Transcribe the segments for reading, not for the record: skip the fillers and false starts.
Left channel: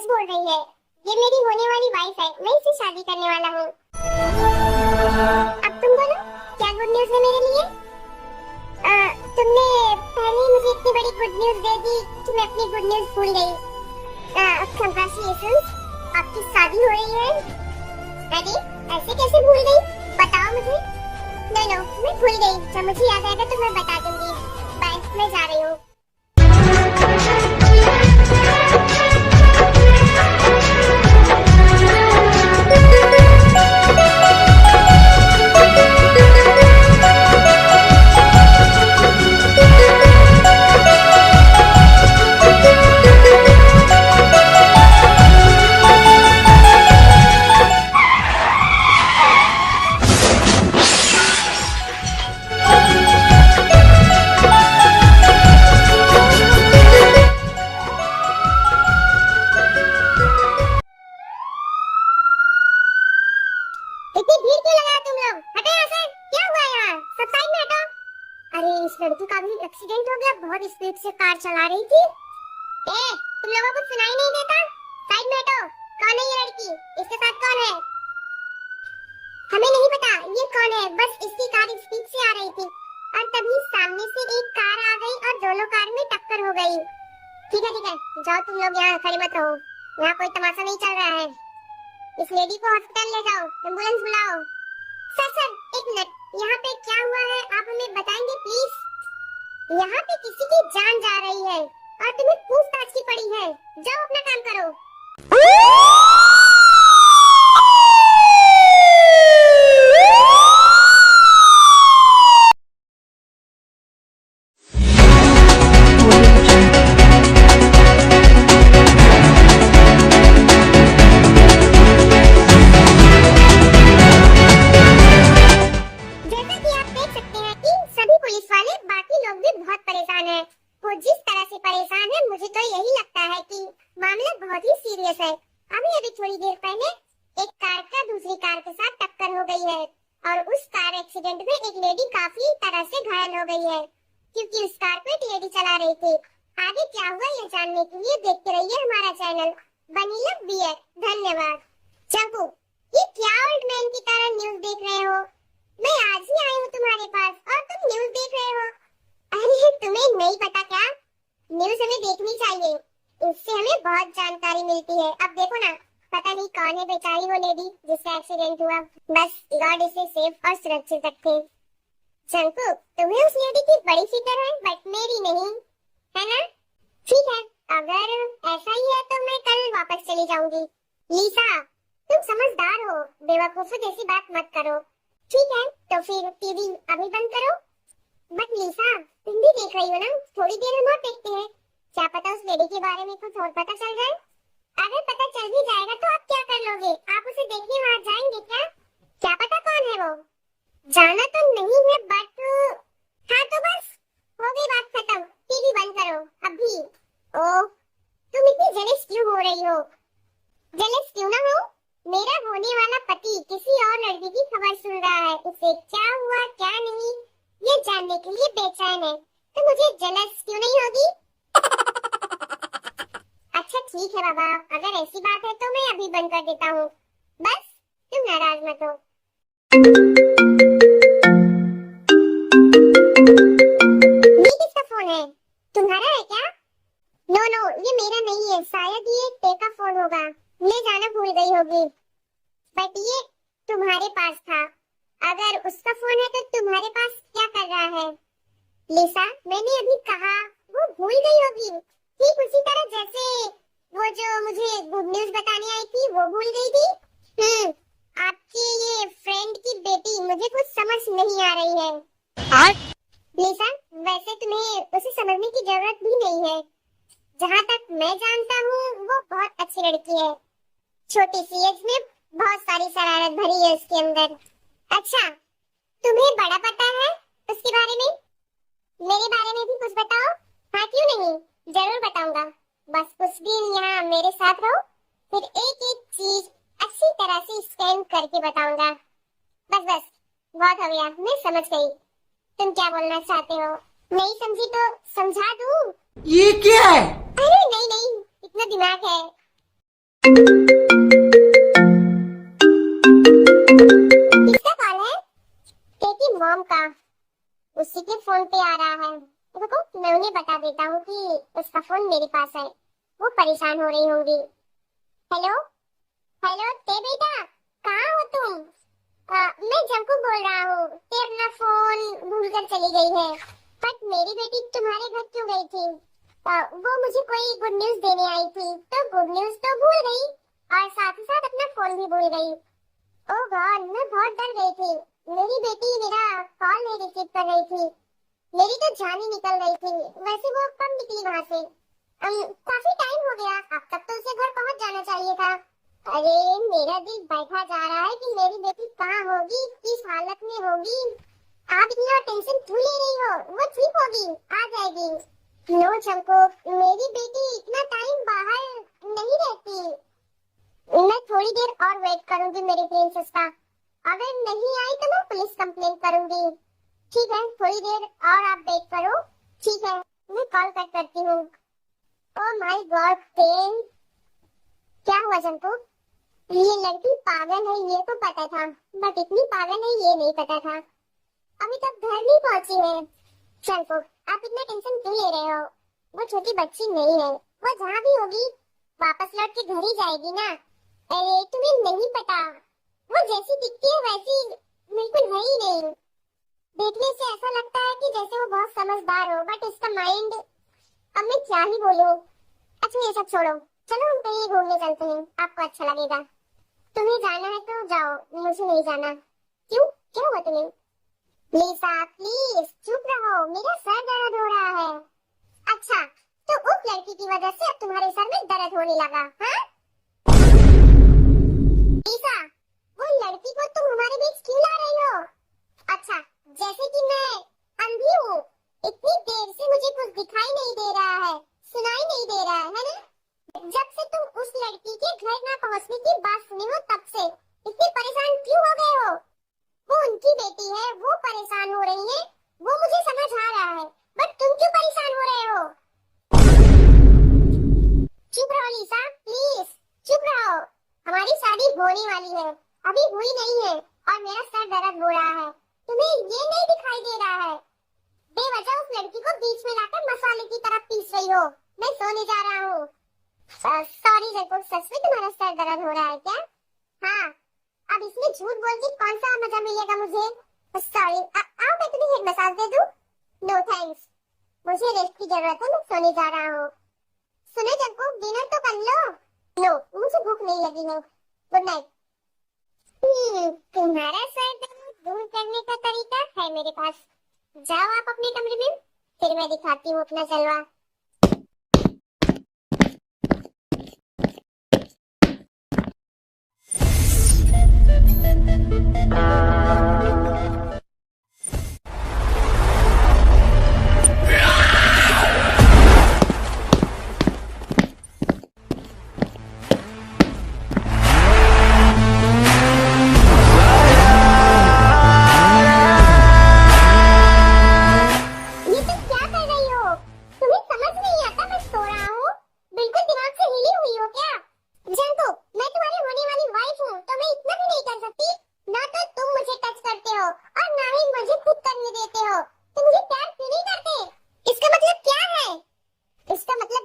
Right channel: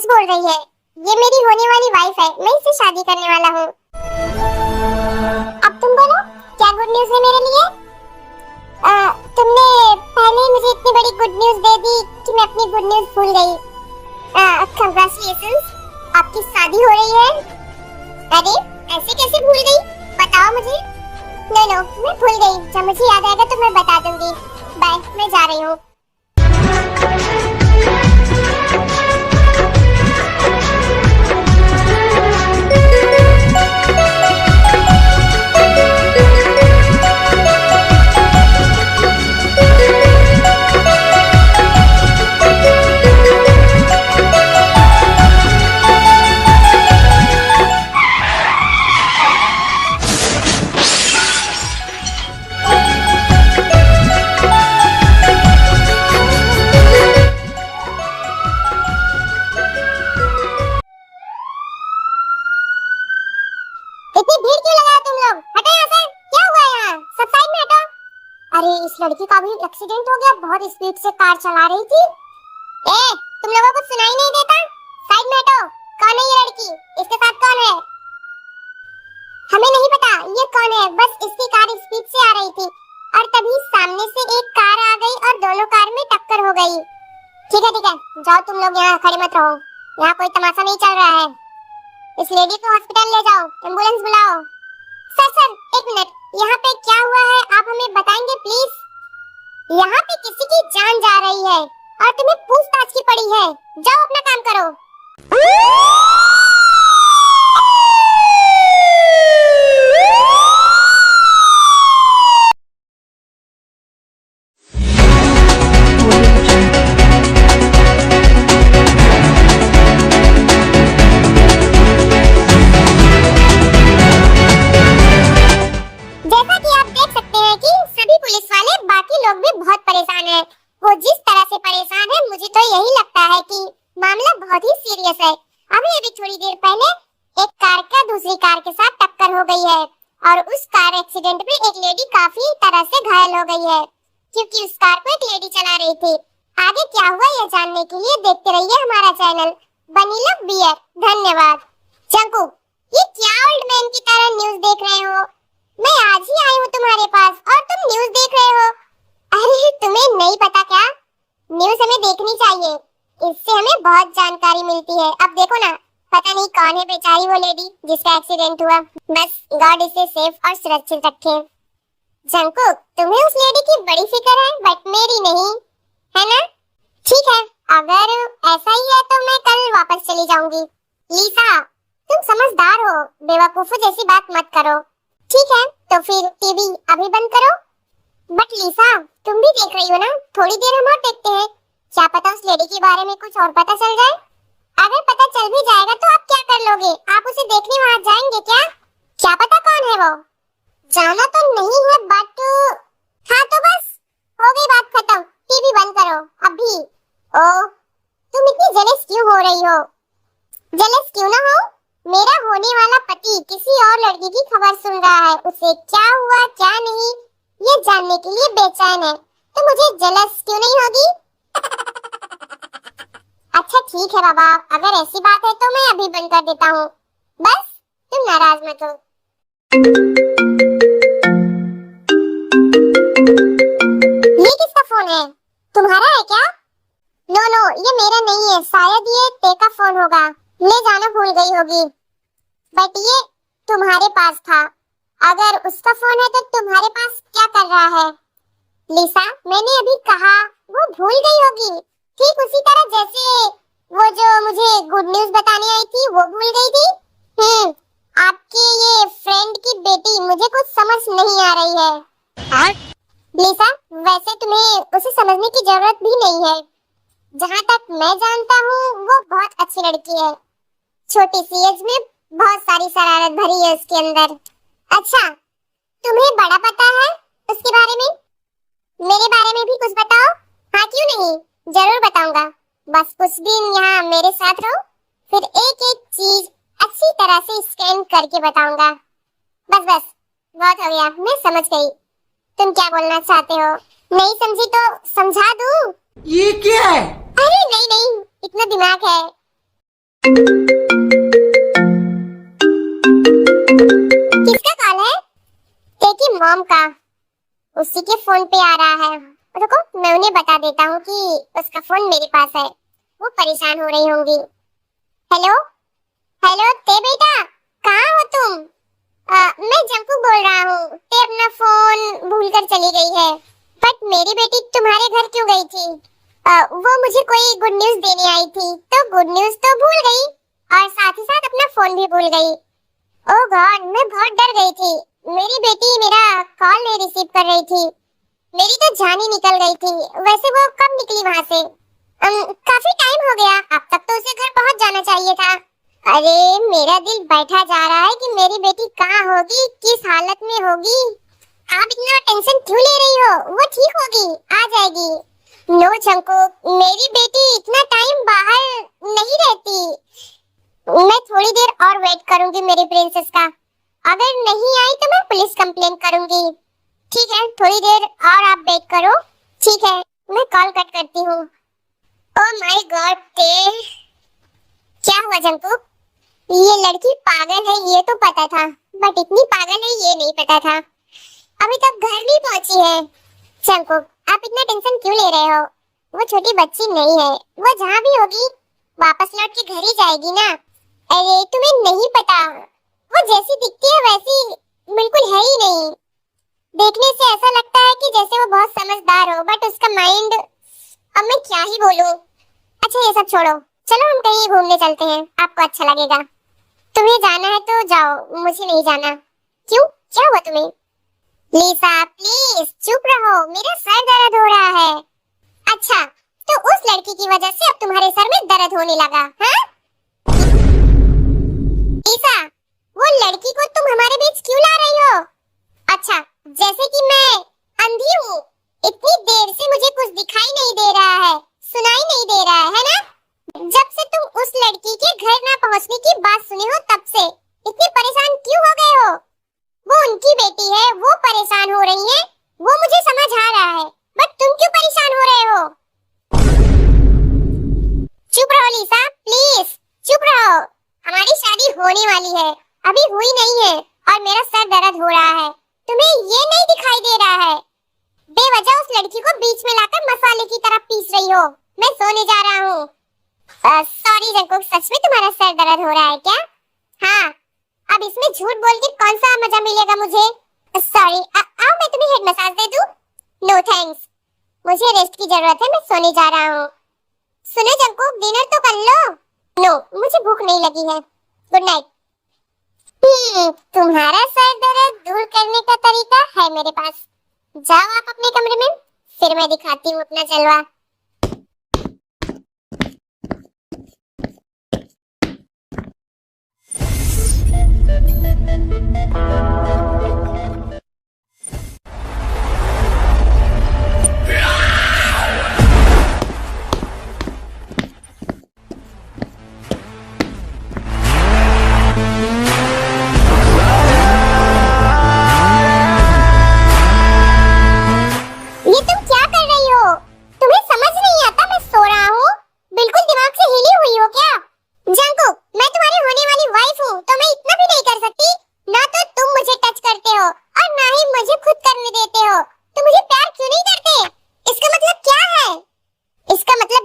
सच बोल रही है। ये मेरी होने वाली वाइफ है, मैं इससे शादी करने वाला हूँ। अब तुम बोलो, क्या गुड न्यूज़ है मेरे लिए? तुमने पहले ही मुझे इतनी बड़ी गुड न्यूज़ दे दी कि मैं अपनी गुड न्यूज़ भूल गई। कंग्रेचुलेशंस, आपकी शादी हो रही है। अरे ऐसे कैसे भूल गई, बताओ मुझे। नो नो, मैं भूल गई, जब मुझे याद आएगा तो मैं बता दूंगी। बाय, मैं जा रही हूँ। इतनी भीड़ क्यों लगाए तुम लोग? हटो यहाँ से। क्या हुआ यहाँ? सब साइड में हटो। अरे इस लड़की का भी एक्सीडेंट हो गया, बहुत स्पीड से कार चला रही थी। तुम लोगों को सुनाई नहीं देता? साइड में हटो। कौन है ये लड़की? इसके साथ कौन है? हमें नहीं पता ये कौन है, बस इसकी कार स्पीड से आ रही थी और तभी सामने से एक कार आ गई और दोनों कार में टक्कर हो गई। ठीक है, जाओ तुम लोग, यहाँ खड़े मत रहो, यहाँ कोई तमाशा नहीं चल रहा है। इस लेडी को हॉस्पिटल ले जाओ, एम्बुलेंस बुलाओ। सर एक मिनट, यहाँ पे क्या हुआ है आप हमें बताएंगे प्लीज? यहाँ पे किसी की जान जा रही है और तुम्हें पूछताछ की पड़ी है। जाओ अपना काम करो। वो जिस तरह से परेशान है, मुझे तो यही लगता है कि मामला बहुत ही सीरियस है। अभी थोड़ी देर पहले एक कार का दूसरी कार के साथ टक्कर हो गई है और उस कार एक्सीडेंट में एक लेडी काफी तरह से घायल हो गई है, क्योंकि उस कार को एक लेडी चला रही थी। आगे क्या हुआ ये जानने के लिए देखते रहिए हमारा चैनल वनीला बियर। धन्यवाद। चंकू, ये क्या ओल्ड मैन की तरह न्यूज़ देख रहे हो? मैं आज ही आई हूँ तुम्हारे पास और तुम न्यूज़ देख रहे हो। अरे तुम्हें नहीं पता क्या? न्यूज़ हमें देखनी चाहिए, इससे हमें बहुत जानकारी मिलती है। अब देखो ना, पता नहीं कौन है बेचारी वो लेडी जिसका एक्सीडेंट हुआ। बस गॉड इसे सेफ और सुरक्षित रखे। जंकुक, तुम्हें उस लेडी की बड़ी फिक्र है बट मेरी नहीं, है ना? ठीक है, अगर ऐसा ही है तो मैं कल वापस चली जाऊंगी। लीसा, तुम समझदार हो, बेवकूफों जैसी बात मत करो। ठीक है, तो फिर टीवी अभी बंद करो। बट लीसा, तुम भी देख रही हो ना, थोड़ी देर हम और देखते हैं, क्या पता उस लेडी के बारे में कुछ और पता चल जाए। अगर पता चल भी जाएगा तो आप क्या कर लोगे? आप उसे देखने वहाँ जाएंगे क्या? क्या पता कौन है वो? जाना तो नहीं है बट हाँ, तो बस हो गई बात खत्म, टीवी बंद करो अभी। ओह, तुम इतनी जेलस क्यों हो रही हो? जेलस क्यों ना हो, मेरा होने वाला पति किसी और लड़की की खबर सुन रहा है, उसे क्या हुआ क्या नहीं ये जानने के लिए बेचैन है, तो मुझे जेलस क्यों नहीं होगी? अच्छा ठीक है बाबा, अगर ऐसी बात है तो मैं अभी बंद कर देता हूँ, बस तुम नाराज मत हो। ये किसका फोन है? तुम्हारा है क्या? नो नो, ये मेरा नहीं है, शायद ये ते का फोन होगा, ले जाना भूल गई होगी। बट ये तुम्हारे पास था, अगर उसका फोन है तो तुम्हारे पास क्या कर रहा है? लिसा, मैंने अभी कहा वो भूल गई होगी, ठीक उसी तरह जैसे वो जो मुझे गुड न्यूज़ बताने आई थी वो भूल गई थी। आपके ये फ्रेंड की बेटी, मुझे कुछ समझ नहीं आ रही है। लिसा, वैसे तुम्हें उसे समझने की जरूरत भी नहीं है, जहाँ तक मैं जानता हूँ वो बहुत अच्छी लड़की है, छोटी सी एज में बहुत सारी शरारत भरी है उसके अंदर। अच्छा, तुम्हें बड़ा पता है उसके बारे में? मेरे बारे में भी कुछ बताओ। हाँ क्यों नहीं, जरूर बताऊंगा, बस कुछ दिन यहाँ मेरे साथ रहो, फिर एक एक चीज अच्छी तरह से स्कैन करके बताऊंगा। बस बहुत हो गया, मैं समझ गई तुम क्या बोलना चाहते हो। नहीं समझी तो समझा दूं? ये क्या है? अरे नहीं, इतना दिमाग है। किसका कॉल है? तेरी मॉम का। उसी के फोन पे आ रहा है। रुको, मैं उन्हें बता देता हूँ कि उसका फोन मेरे पास है। वो परेशान हो रही होंगी। हेलो हेलो, ते बेटा, कहाँ हो तुम? मैं जंकू बोल रहा हूँ। ते अपना फोन भूल कर चली गई है। बट मेरी बेटी तुम्हारे घर क्यों गई थी? वो मुझे कोई गुड न्यूज देने आई थी, तो गुड न्यूज तो भूल गई और साथ ही साथ अपना फोन भी भूल गई। ओह गॉड, मैं बहुत डर गई थी। मेरी बेटी मेरा कॉल नहीं रिसीव कर रही थी। मेरी तो जान ही निकल गई थी। वैसे वो कब निकली वहाँ से? काफी टाइम हो गया। अब तक तो उसे घर पहुँच जाना चाहिए था। अरे मेरा दिल बैठा जा रहा है कि मेरी बेटी कहाँ होगी, किस हालत में होगी। आप इतना टेंशन क्यों ले रही हो? वो ठीक होगी, आ जाएगी। नो जंकुक, मेरी बेटी इतना टाइम बाहर नहीं रहती। मैं थोड़ी देर और वेट करूंगी मेरी प्रिंसेस का। अगर नहीं आई तो मैं पुलिस कंप्लेन करूंगी। ठीक है, थोड़ी देर और आप वेट करो। ठीक है, मैं कॉल कट करती हूँ। ओह माय गॉड, क्या हुआ जंकुक? ये लड़की पागल है ये तो पता था, बट इतनी पागल है ये नहीं पता था। अभी तक घर नहीं पहुंची है। जंकुक, आप इतना टेंशन क्यों ले रहे हो? वो छोटी बच्ची नहीं है। वो जहाँ भी होगी वापस लौट के घर ही जाएगी ना। अरे तुम्हें नहीं पता, वो जैसी दिखती है वैसी बिल्कुल है ही नहीं। देखने से ऐसा लगता है कि जैसे वो बहुत समझदार हो, बट उसका माइंड, अब मैं क्या ही बोलूं। अच्छा ये सब छोड़ो, चलो हम कहीं घूमने चलते हैं, आपको अच्छा लगेगा। तुम्हें जाना है तो जाओ, मुझे नहीं जाना। क्यों, क्या हुआ तुम्हें? लिसा प्लीज चुप रहो, मेरा सर दर्द हो रहा है। अच्छा, तो उस लड़की की वजह से अब तुम्हारे सर में दर्द होने लगा, हाँ? लिसा, वो लड़की को तुम हमारे बीच क्यों ला रही हो? अच्छा, जैसे कि मैं अंधी हूँ, इतनी देर से मुझे कुछ दिखाई नहीं दे रहा है, सुनाई नहीं दे रहा है ना? जब से तुम उस लड़की के घर ना पहुँचने की बात सुने हो तब से इतने परेशान क्यों हो गए हो? वो उनकी बेटी है, वो परेशान हो रही है, वो मुझे समझ आ रहा है, बट तुम क्यों परेशान हो रहे हो? चुप रहो लिसा, प्लीज चुप रहो। हमारी शादी होने वाली है, अभी हुई नहीं है और मेरा सर दर्द हो रहा है। तुम्हें ये नहीं दिखाई दे रहा है? बेवजह उस लड़की को बीच में लाकर मसाले की तरह पीस रही हो। मैं सोने जा रहा हूँ। सॉरी जंकुक, सच में तुम्हारा सर दर्द हो रहा है क्या? हाँ, अब इसमें झूठ बोल के कौन सा मजा मिलेगा मुझे? सॉरी, आओ मैं तुम्हें हेड मसाज दे दूं? नो थैंक्स, मुझे रेस्ट की जरूरत है, मैं सोने जा रहा हूँ। सुनो जंकुक, डिनर तो कर लो। नो, मुझे भूख नहीं लगी है। Good night. तुम्हारा सर दर्द दूर करने का तरीका है मेरे पास। जाओ आप अपने कमरे में, फिर मैं दिखाती हूँ अपना जलवा।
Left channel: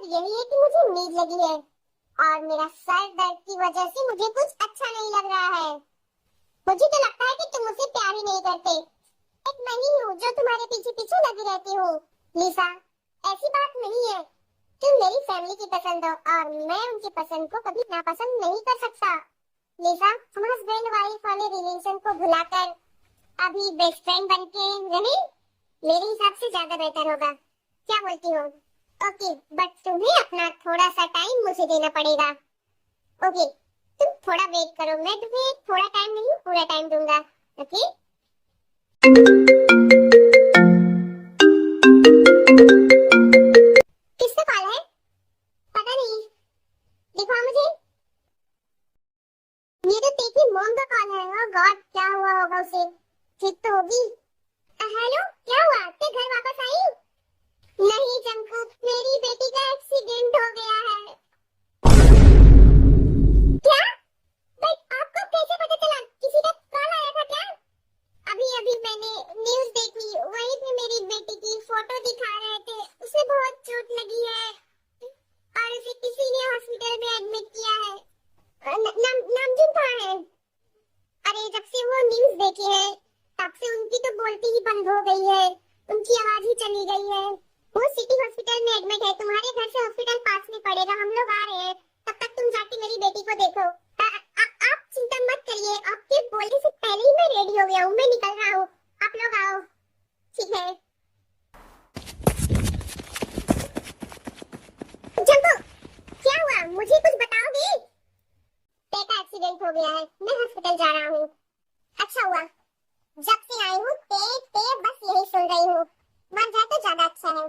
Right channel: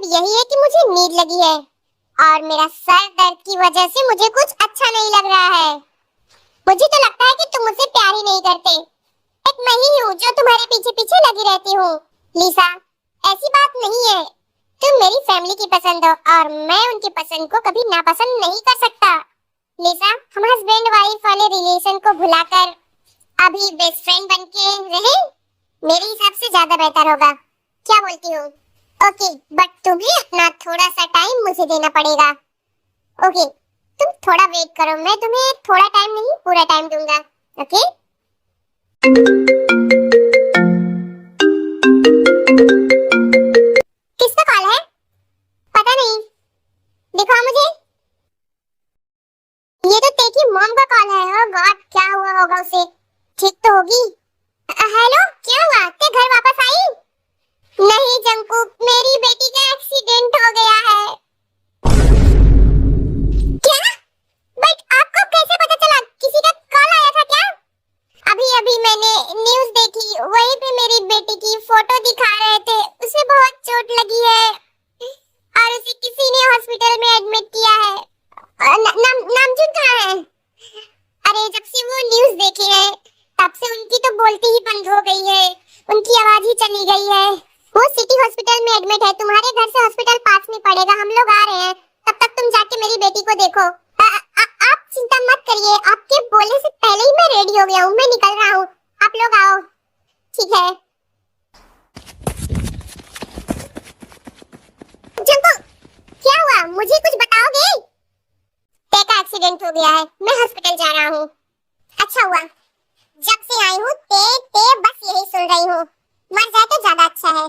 यही है कि मुझे नींद लगी है और मेरा सर दर्द की वजह से मुझे कुछ अच्छा नहीं लग रहा है। मुझे तो लगता है कि तुम मुझसे प्यार ही नहीं करते। एक मैं ही हूँ जो तुम्हारे पीछे पीछे लगी रहती हूँ। लिसा, ऐसी बात नहीं है। तुम मेरी फैमिली की पसंद हो और मैं उनकी पसंद को कभी नापसंद नहीं कर सकता। लिसा, हम हस्बैंड वाइफ वाले रिलेशन को भुलाकर अभी बेस्ट फ्रेंड बनके रहे, मेरे हिसाब से ज्यादा बेहतर होगा। क्या बोलती हो? ओके, बट तुम्हें अपना थोड़ा सा टाइम मुझे देना पड़ेगा। ओके, तुम थोड़ा वेट करो, मैं तुम्हें थोड़ा टाइम नहीं पूरा टाइम दूंगा। ओके? किसका कॉल है? पता नहीं, दिखाओ मुझे। ये तो तेरी मॉम का कॉल है। ओह गॉड, क्या हुआ होगा उसे? ठीक तो होगी। हेलो, क्या हुआ? ते घर वापस आई? नहीं जंकुक, मेरी बेटी का एक्सीडेंट हो गया है। हॉस्पिटल में एडमिट किया है। नामजुन कहाँ है? अरे जब से वो न्यूज़ देखी है तब से उनकी तो बोलती ही बंद हो गई है, उनकी आवाज ही चली गई है। वो सिटी हॉस्पिटल में एडमिट है, तुम्हारे घर से हॉस्पिटल पास में पड़ेगा, हम लोग आ रहे हैं, तब तक तुम जाके मेरी बेटी को देखो। आप चिंता मत करिए, आपके बोलने से पहले ही मैं रेडी हो गया हूँ, मैं निकल रहा हूँ, आप लोग आओ। ठीक है। जंको, क्या हुआ, मुझे कुछ बताओगे? ते का एक्सीडेंट हो गया है, मैं हॉस्पिटल जा रहा हूँ। अच्छा हुआ, जब से आई हूँ ते बस यही सुन रही हूँ, मर जाए तो ज्यादा अच्छा है।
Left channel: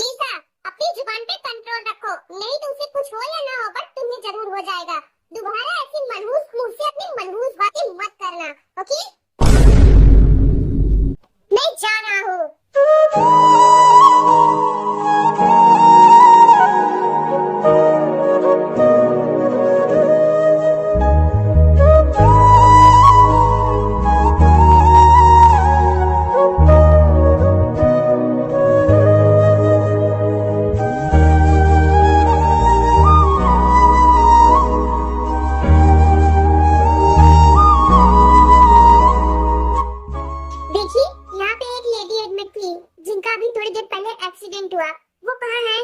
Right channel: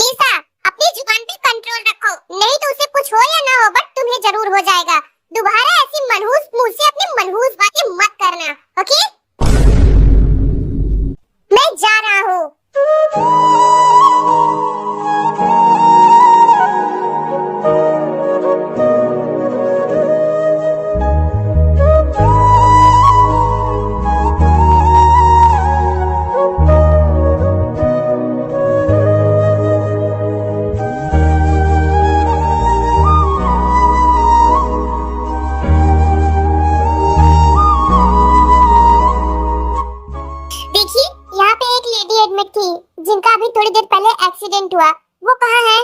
लीसा, अपनी जुबान पे कंट्रोल रखो, नहीं तो उसे कुछ हो या ना हो बट तुम्हें जरूर हो जाएगा। दोबारा ऐसी मनहूस मुंह से अपनी मनहूस बातें मत करना, ओके? मैं जा रहा हूँ। देखिए, यहाँ पे एक लेडी एडमिट थी जिनका अभी थोड़ी देर पहले एक्सीडेंट हुआ, वो कहाँ है?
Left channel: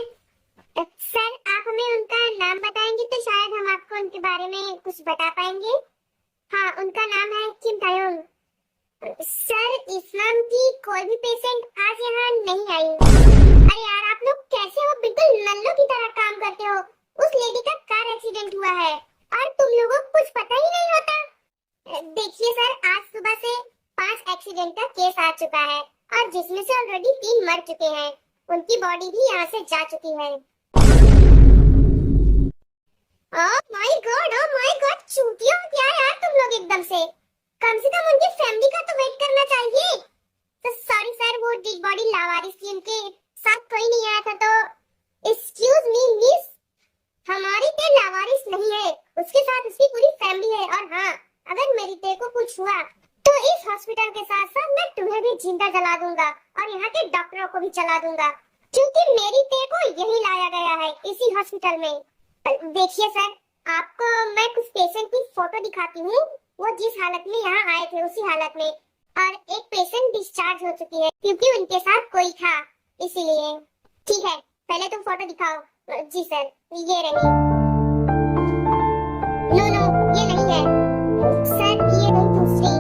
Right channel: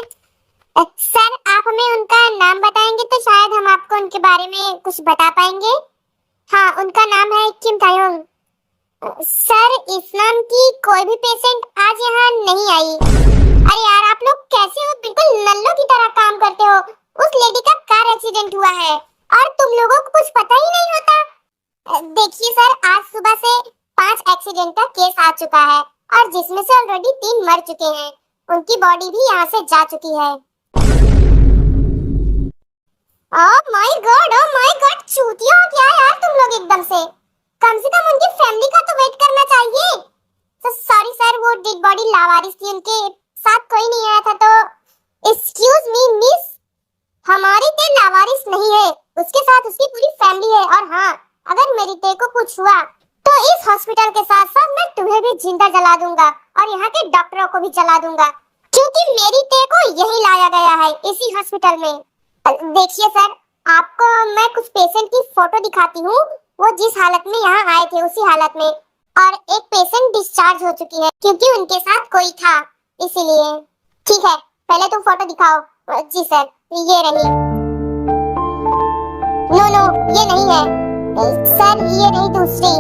सर, आप हमें उनका नाम बताएंगे तो शायद हम आपको उनके बारे में कुछ बता पाएंगे। हाँ, उनका नाम है किम तायोंग। सर, इस नाम की कोई भी पेशेंट आज यहाँ नहीं आई। अरे यार, आप लोग कैसे हो, बिल्कुल नल्लों की तरह काम करते हो। उस लेडी का कार एक्सीडेंट हुआ है और तुम लोगों को कुछ पता ही नहीं होता। देखिए सर, आज सुबह से 5 एक्सीडेंट का केस आ चुका है और जिसमें से ऑलरेडी 3 मर चुके हैं, उनकी बॉडी भी यहाँ से जा चुकी है। ओह माय गॉड, चूतिया हो क्या यार तुम लोग एकदम से। कम उनकी फैमिली का तो वेट करना चाहिए। सॉरी सर, वो डेड बॉडी लावारिस थी, उनके साथ कोई नहीं आया था, तो एक्सक्यूज मी मिस, हमारी ते लावारिस नहीं है, उसके साथ उसकी पूरी फैमिली है। और हाँ, अगर मेरी ते को कुछ हुआ तो इस हॉस्पिटल के साथ साथ मैं तुम्हें भी जिंदा जला दूंगा और यहाँ के डॉक्टरों को भी जला दूंगा, क्योंकि मेरी ते को यही लाया गया है इसी हॉस्पिटल में। देखिए सर, आपको मैं कुछ पेशेंट की फोटो दिखाती हूँ, वो जिस हालत में यहाँ आए थे उसी हालत में, और एक पेशेंट डिस्चार्ज हो चुकी है क्योंकि उनके साथ कोई था, इसीलिए। ठीक है, पहले तुम फोटो दिखाओ। जी सर, ये रही। नो, ये नहीं है सर, ये रही दूसरी।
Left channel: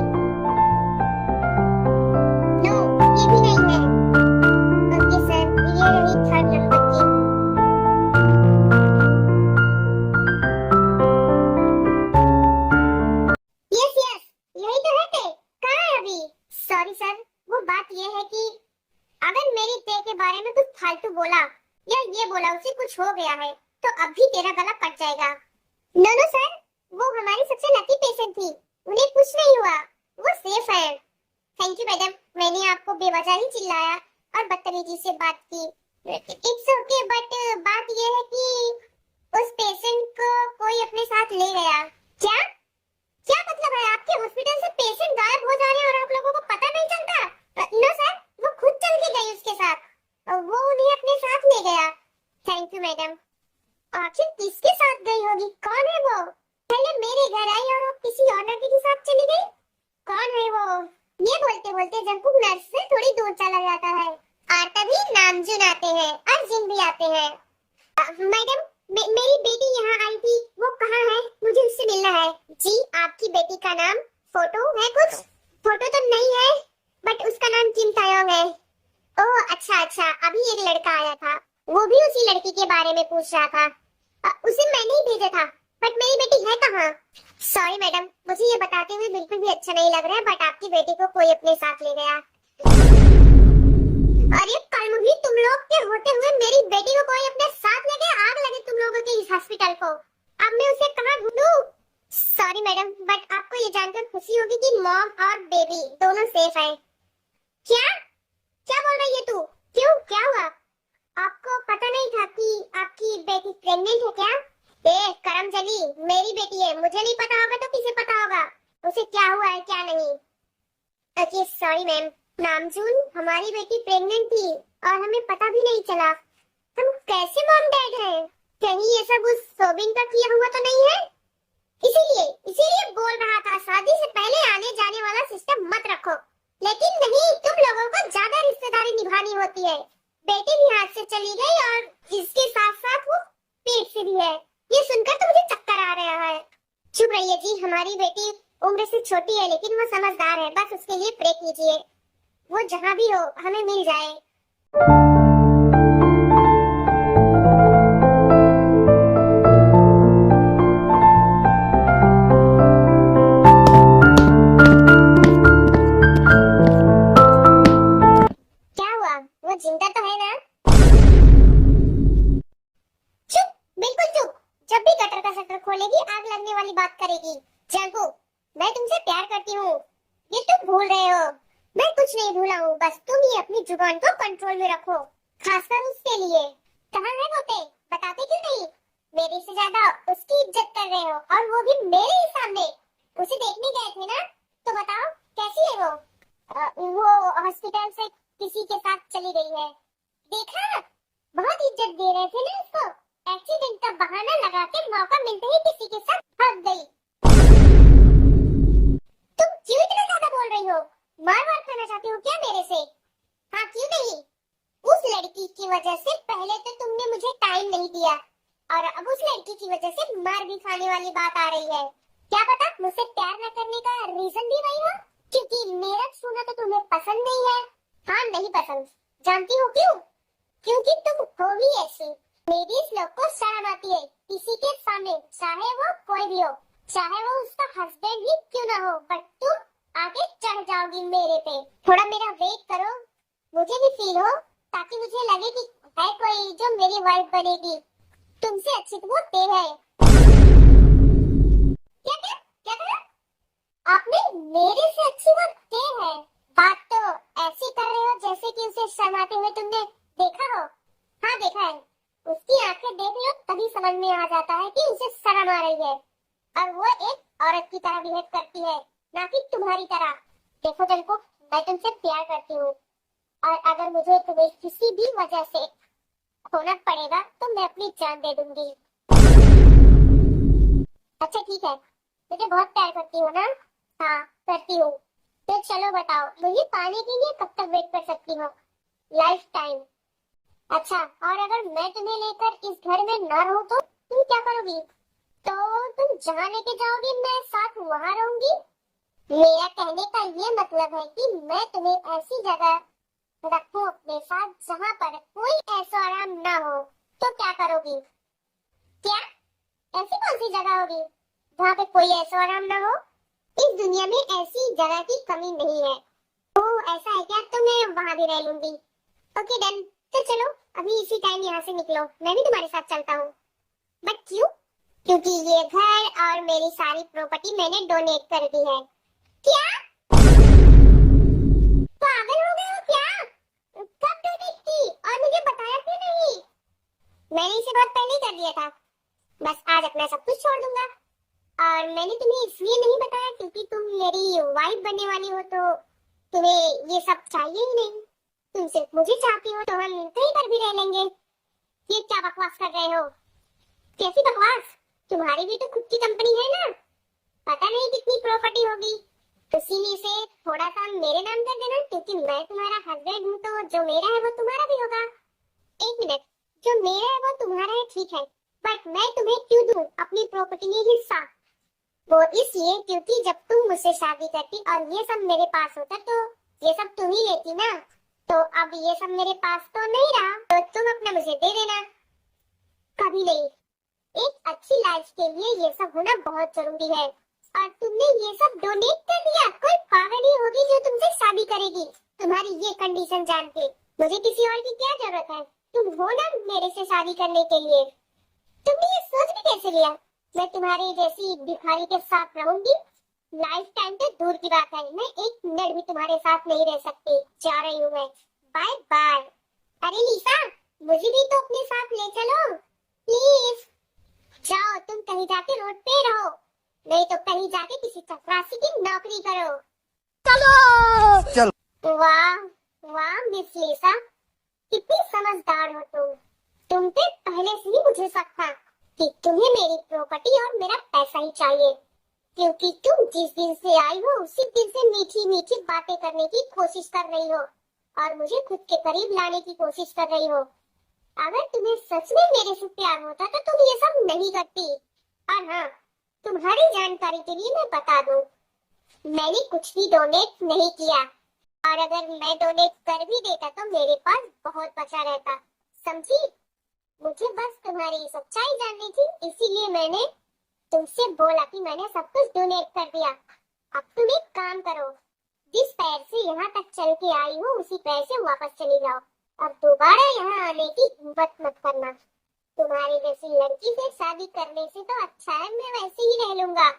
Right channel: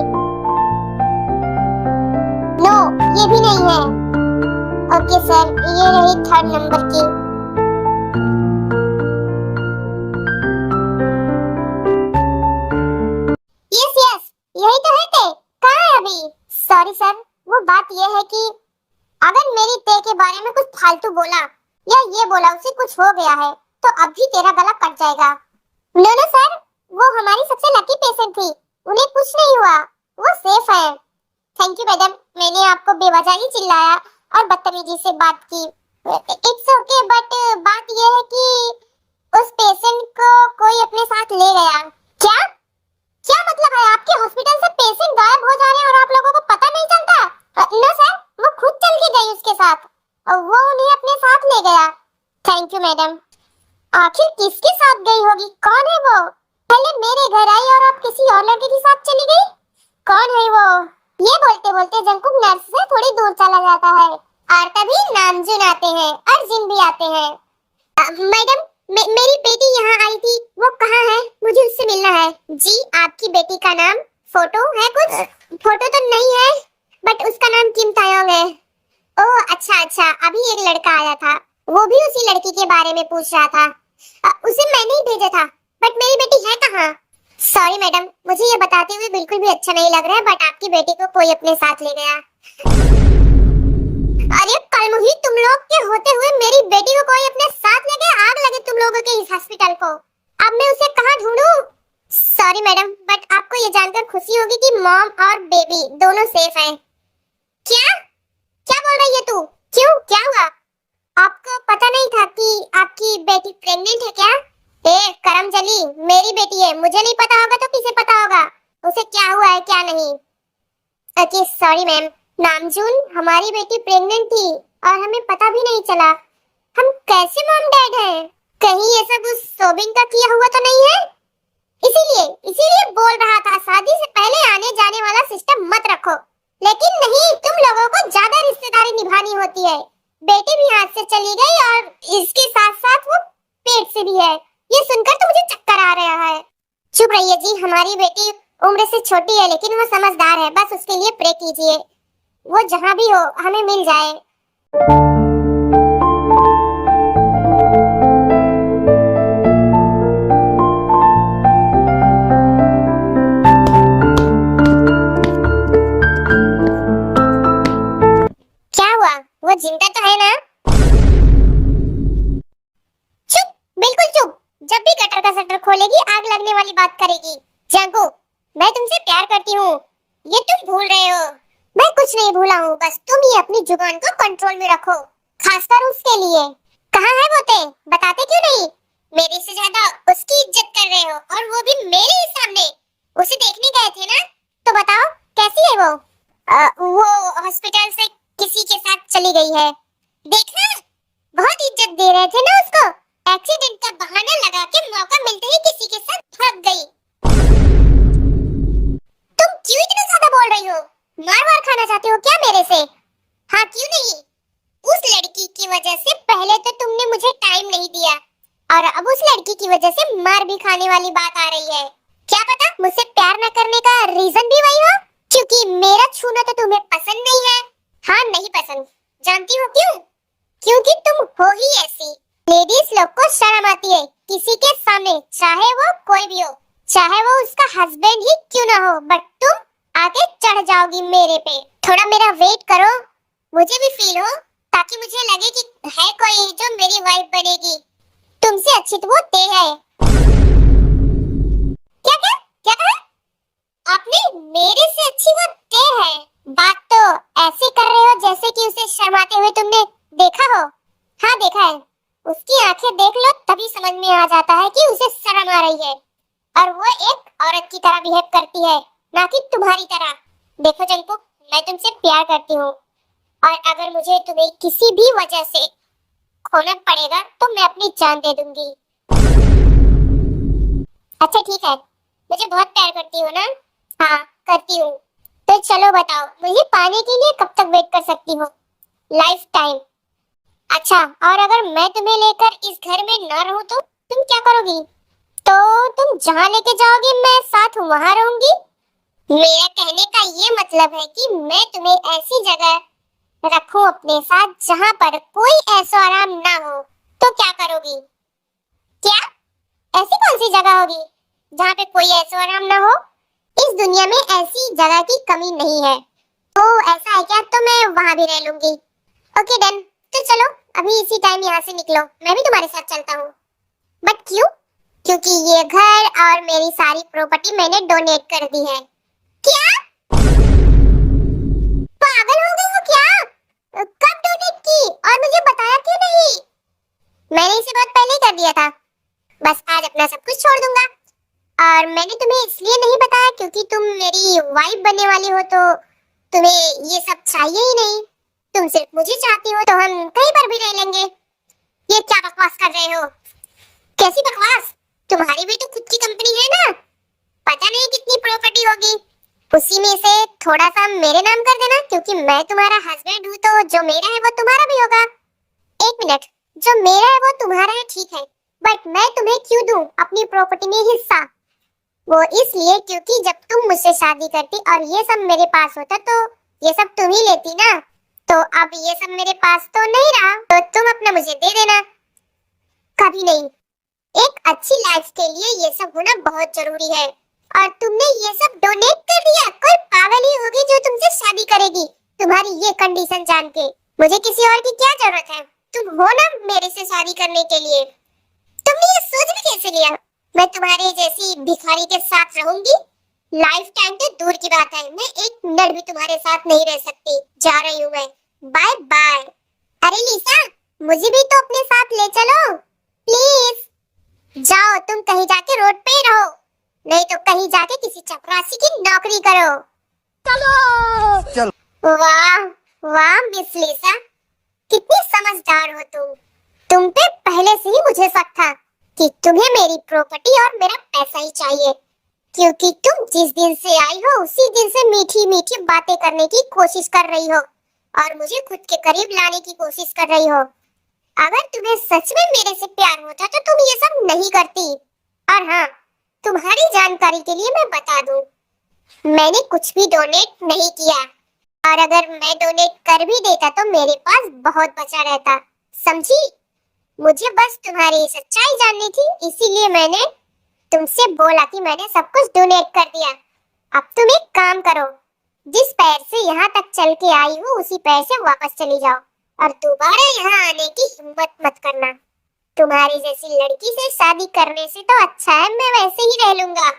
नो, ये भी नहीं है। ओके सर, ये रही 3rd नंबर की। यस यही तो है ते, कहाँ है अभी? सॉरी सर, वो बात ये है कि अगर मेरी ते के बारे में कुछ फालतू बोला या ये बोला उसे कुछ हो गया है तो अभी तेरा गला कट जाएगा। नो सर, वो हमारी सबसे लकी पेशेंट थी, उन्हें कुछ नहीं हुआ, वो सेफ है। थैंक यू मैडम, मैंने आपको बेवजह ही चिल्लाया और बदतमीजी से बात की। इट्स ओके, बट बात ये है कि उस पेशेंट को कोई अपने साथ ले गया। क्या क्या मतलब है? आपके हॉस्पिटल से पेशेंट गायब हो जा रहे हैं और आप लोगों को पता नहीं चलता? नो सर, वो खुद चल के गई उसके साथ, वो उन्हें अपने साथ ले गया। Thank you madam. आखिर किसके साथ गई होगी, कौन है वो? पहले मेरे घर आई और अब किसी और लड़के के साथ चली गई, कौन है वो? ये बोलते बोलते जंकुक नर्स से थोड़ी दूर चला जाता है और तभी नामजुन आते हैं और जिन भी आते हैं। मैडम, मेरी बेटी यहाँ आई थी, वो कहाँ है? मुझे उससे मिलना है। जी, आपकी बेटी का नाम फोटो है? कुछ फोटो तो नहीं है, बट उसका नाम किम तायोंग है। ओह अच्छा, अभी एक लड़का आया था, वो भी उसी लड़की के बारे में पूछ रहा था। उसे मैंने ही भेजा था, बट मेरी बेटी है कहाँ? सॉरी मैडम, मुझे ये बताते हुए बिल्कुल भी अच्छा नहीं लग रहा है, बट आपकी बेटी को कोई अपने साथ ले गया। अरे कलमुही, तुम लोग के होते हुए मेरी बेटी को कोई अपने साथ ले गया? आग लगे तुम लोगों के इस हॉस्पिटल को। अब मैं उसे कहाँ ढूंढूं? सॉरी मैडम, बट आपको ये जानकर खुशी होगी कि मॉम और बेबी दोनों सेफ हैं। क्या बोल रही है तू? क्यों, क्या हुआ? आपको पता नहीं था कि आपकी बेटी प्रेग्नेंट है क्या? करमजली, मेरी बेटी है, मुझे नहीं पता होगा तो किसे पता होगा उसे क्या हुआ है क्या नहीं। Okay sorry ma'am. नामजून, हमारी बेटी प्रेग्नेंट थी और हमें पता भी नहीं चला। हम कैसे मॉम डैड हैं? कहीं ये सब उस सोबिन का किया हुआ तो नहीं है? इसीलिए इसीलिए बोल रहा था शादी से पहले आने जाने वाला सिस्टम मत रखो। लेकिन नहीं, तुम लोगों को ज्यादा रिश्तेदारी निभानी होती है। बेटी भी हाथ से चली गई और इसके साथ साथ वो पेट से भी है। ये सुनकर तो मुझे चक्कर आ रहा है। चुप रहिए जी, हमारी बेटी उम्र से छोटी है लेकिन वो समझदार है। बस उसके लिए प्रे कीजिए, वो जहाँ भी हो हमें मिल जाए। क्या हुआ? वो जिंदा तो है ना? चुप, बिल्कुल चुप। जब भी गटर का शटर खोलेगी आग लगने वाली बात करेगी। जागो, मैं तुमसे प्यार करती हूँ, ये तुम भूल रहे हो। मैं कुछ नहीं भूला हूँ, बस तुम ही अपनी जुबान को कंट्रोल में रखो, खासकर उसके लिए। कहाँ है वो? बताते क्यों नहीं? मेरे से ज्यादा उसकी इज्जत कर रहे हो, और वो भी मेरे ही सामने। उसे देखने गए थे ना, तो बताओ कैसी है वो? वो हॉस्पिटल से किसी के साथ चली गई है। देखा, बहुत इज्जत दे रहे थे ना उसको। एक्सीडेंट का बहाना लगा के मौका मिलते ही किसी के साथ भाग गई। तुम क्यों इतना ज्यादा बोल रही हो? मार वार खाना चाहती हो क्या मेरे से? हाँ, क्यों नहीं? उस लड़की की वजह से पहले तो तुमने मुझे टाइम नहीं दिया, और अब उस लड़की की वजह से मार भी खाने वाली बात आ रही है। क्या पता मुझसे प्यार न करने का रीजन भी वही हो, क्योंकि मेरा छूना तो तुम्हें पसंद नहीं है। हाँ, नहीं पसंद। जानती हो क्यों? क्योंकि तुम हो ही ऐसी। लेडीज लोग को शर्म आती है किसी के सामने, चाहे वो कोई भी हो, चाहे वो उसका हस्बैंड ही क्यों ना हो, बट तुम आके चढ़ जाओगी मेरे पे। थोड़ा मेरा वेट करो, मुझे भी फील हो, ताकि मुझे लगे कि है कोई जो मेरी वाइफ बनेगी। तुमसे अच्छी तो वो ते है। क्या क्या क्या कहा आपने? मेरे से अच्छी वो ते है? बात तो ऐसे कर रहे हो जैसे कि उसे शर्माते हुए तुमने देखा हो। हाँ, देखा है। उसकी आंखें देख लो, तभी समझ में आ जाता है कि उसे शर्म आ रही है, और वो एक औरत की तरह बिहेव करती है, ना कि तुम्हारी तरह। देखो जंकू, मैं तुमसे प्यार करती हूँ, और अगर मुझे तुम्हें किसी भी वजह से खोना पड़ेगा तो मैं अपनी जान दे दूंगी। अच्छा ठीक है, मुझे बहुत प्यार करती हो ना? हाँ, करती हूँ। तो चलो बताओ, मुझे पाने के लिए कब तक वेट कर सकती हो? Life time. अच्छा, और अगर मैं तुम्हें लेकर इस घर में न रहूं तो तुम क्या करोगी? तो तुम जहाँ लेके जाओगी मैं साथ वहाँ रहूंगी। मेरा कहने का ये मतलब है कि मैं तुम्हें ऐसी जगह रखूं अपने साथ जहाँ पर कोई ऐसा आराम ना हो, तो क्या करोगी? क्या ऐसी कौन सी जगह होगी जहाँ पे कोई ऐसा आराम ना हो? इस दुनिया में ऐसी जगह की कमी नहीं है। तो ऐसा है क्या? तो मैं वहाँ भी रह लूंगी। ओके डन, तो चलो अभी इसी टाइम यहाँ से निकलो, मैं भी तुम्हारे साथ चलता हूँ। बट क्यों? क्योंकि ये घर और मेरी सारी प्रॉपर्टी मैंने डोनेट कर दी है। क्या? पागल हो गए हो क्या? कब डोनेट की और मुझे बताया क्यों नहीं? मैंने इसे बहुत पहले कर दिया था। बस आज अपना सब कुछ छोड़ दूंगा, और मैंने तुम्हें इसलिए नहीं बताया क्योंकि तुम मेरी वाइफ बनने वाली हो, तो तुम्हें ये सब चाहिए ही नहीं। तुम सिर्फ मुझे चाहती हो, तो हम कहीं पर भी रह लेंगे। ये क्या बकवास कर रहे हो? कैसी बकवास? तुम्हारी भी तो खुद की कंपनी है ना, पता नहीं कितनी प्रॉपर्टी होगी, उसी में से थोड़ा सा मेरे नाम कर देना, क्योंकि मैं तुम्हारा हस्बैंड हूँ, तो जो मेरा है वो तुम्हारा भी होगा। एक मिनट, जो मेरा है वो तुम्हारा है ठीक है, बट मैं तुम्हें क्यों दूं अपनी प्रॉपर्टी में हिस्सा? वो इसलिए क्योंकि जब तुम मुझसे शादी करती और ये सब मेरे पास होता तो ये सब तुम ही लेती ना, तो अब ये सब मेरे पास तो नहीं रहा, तो तुम अपना मुझे दे देना। कभी नहीं। एक अच्छी लाइफ के लिए ये सब होना बहुत जरूरी है, और तुमने ये सब डोनेट कर दिया। कोई पागल ही होगी जो तुमसे शादी करेगी तुम्हारी ये कंडीशन जान के। मुझे किसी और की क्या जरूरत है? तुम हो ना मेरे से शादी करने के लिए। तुमने ये सोच भी कैसे लिया मैं तुम्हारे जैसी भिखारी के साथ रहूंगी? लाइफ टाइम तो दूर की बात है, मैं एक मिनट भी तुम्हारे साथ नहीं रह सकती। जा रही हूँ मैं, बाय बाय। अरे लिसा, मुझे भी तो अपने साथ ले चलो प्लीज। जाओ, तुम कहीं जाके रोड पे ही रहो, नहीं तो कहीं जाके किसी चपरासी की नौकरी करो। चलो। वाह वाह मिस लिसा, कितनी समझदार हो तुम। तुम पे पहले से ही मुझे शक था कि तुम्हें मेरी प्रॉपर्टी और मेरा पैसा ही चाहिए, क्योंकि तुम जिस दिन से आई हो उसी दिन से मीठी मीठी बातें करने की कोशिश कर रही हो और मुझे खुद के करीब लाने की कोशिश कर रही हो। अगर तुम्हें सच में मेरे से प्यार होता तो तुम ये सब नहीं करती। और हाँ, तुम्हारी जानकारी के लिए मैं बता दूं, मैंने कुछ भी डोनेट नहीं किया, और अगर मैं डोनेट कर भी देता तो मेरे पास बहुत बचा रहता, समझी? मुझे बस तुम्हारी सच्चाई जाननी थी, इसीलिए मैंने तुमसे बोला कि मैंने सब कुछ डोनेट कर दिया। अब तुम एक काम करो, जिस पैर से यहाँ तक चल के आई हो उसी पैर से वापस चली जाओ और दोबारा यहाँ आने की हिम्मत मत करना। तुम्हारी जैसी लड़की से शादी करने से तो अच्छा है मैं वैसे ही रह लूंगा।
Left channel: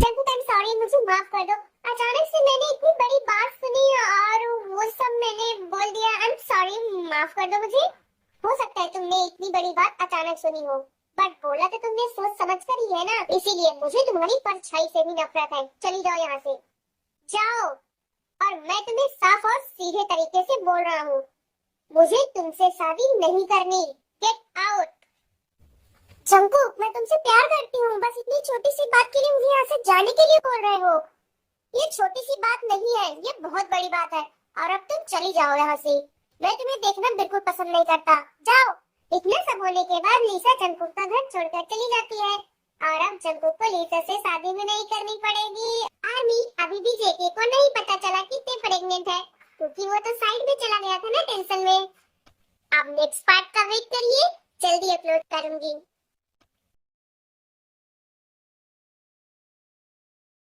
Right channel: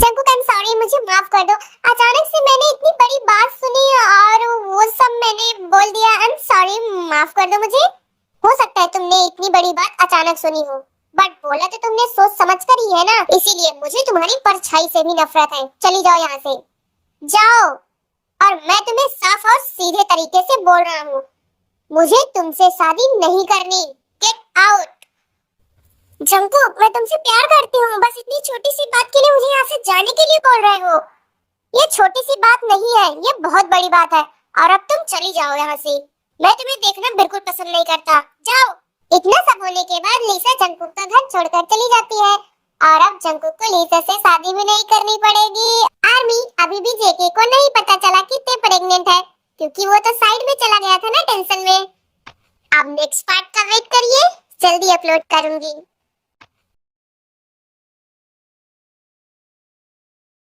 जंकुक, आई एम सॉरी, मुझे माफ कर दो। अचानक से मैंने इतनी बड़ी बात सुनी और वो सब मैंने बोल दिया। आई एम सॉरी, माफ कर दो मुझे। हो सकता है तुमने इतनी बड़ी बात अचानक सुनी हो, बट बोला तो तुमने सोच समझ कर ही है ना, इसीलिए मुझे तुम्हारी परछाई से भी नफरत है। चली जाओ यहाँ से, जाओ। और मैं तुम्हें साफ और सीधे तरीके से बोल रहा हूँ, मुझे तुमसे शादी नहीं करनी। Get out. जंकुक, मैं तुमसे प्यार करती हूँ, बस इतनी छोटी सी बात के लिए मुझे यहाँ से जाने के लिए बोल रहे हो। ये छोटी सी बात नहीं है, ये बहुत बड़ी बात है। और अब तुम चली जाओ यहाँ से, मैं तुम्हें देखना बिल्कुल पसंद नहीं करता। जाओ। इतना सब होने के बाद लिसा जंकुक का घर छोड़कर चली जाती है और अब जंकुक को लिसा से शादी भी नहीं करनी पड़ेगी। आर्मी, अभी भी जेके को नहीं पता चला कि ते प्रेग्नेंट है, क्योंकि वो तो साइड में चला गया था ना टेंशन में। अब नेक्स्ट पार्ट का वेट करिए, जल्दी अपलोड करूंगी।